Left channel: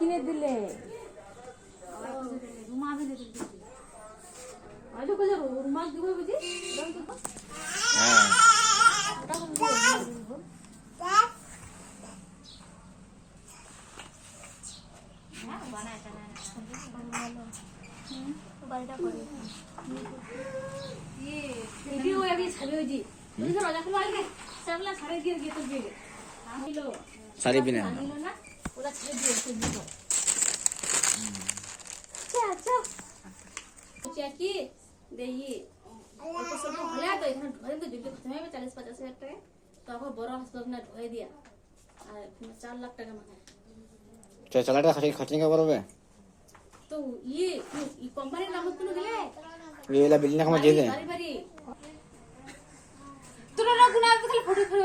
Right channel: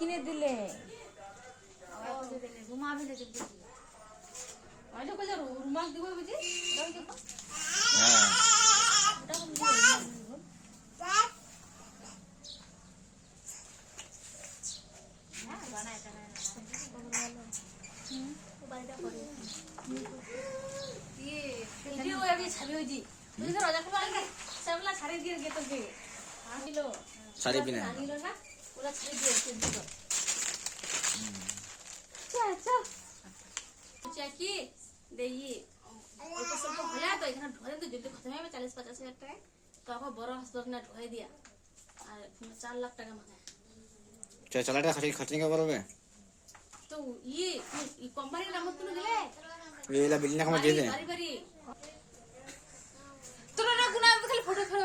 কিনে দিলে রুমাল কিনে দিলে আইলো কই যাবো রুমাল দিব বুঝি হ্যাঁ ওটা কোন হ্যাঁ বানায় তাহলে ভালো বাড়িটা করে ये ভিডিও আগে ছাড়ি হইজি তুই তো রাজা খোলা আগে সবলা ছাড়ে দিয়ে গে তো দিয়ে আনিলো সারি বিনা আনিলো না ওরা ছেড়ে দিয়ে তো দিও চা চা চাকি দেই ওটা সব ভলা তো এখানে ধরে তো দিতে খতম হবে 40-50 হাজার টাকা তো আবার বড় হাসপাতাল না ঢোকাই দিয়া আর 4 লাখ টাকা মাথায় তো চালাটা খরচ কে করবে তো ये কোম্পানির নাম কোন গেলে এলা বিল্ডিং কাম দিয়ে দে বাড়ি বাড়ি তোরা না গুনা খালি ফটো ফটো